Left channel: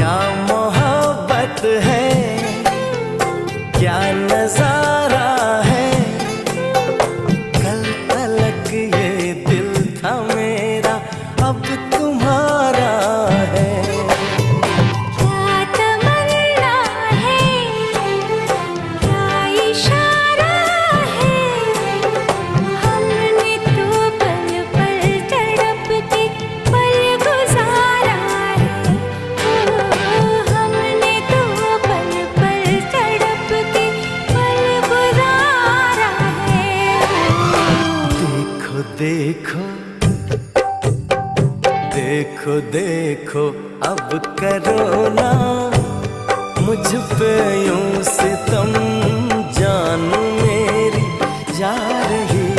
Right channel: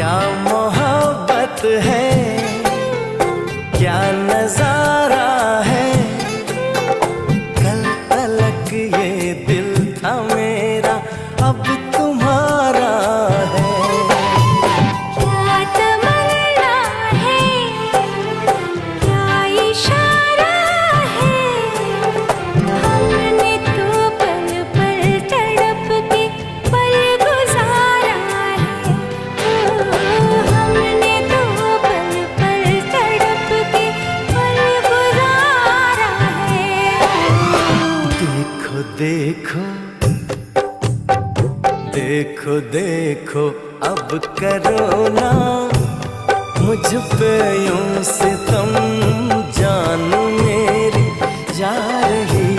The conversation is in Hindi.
क्या मोहब्बत है, क्या नजारा है। कल तलक ये दिल था मेरा, अब तुम्हारा है। क्या तमन्ना है, क्या इशारा है। हमने तो पल पल तड़प के पल गुजारा है। ओ, हमने तो पल पल तड़प के पल गुजारा है। देखो देखो देखो देखो अब करो ना मुझ पे यूं सितम, जान मेरी जा रही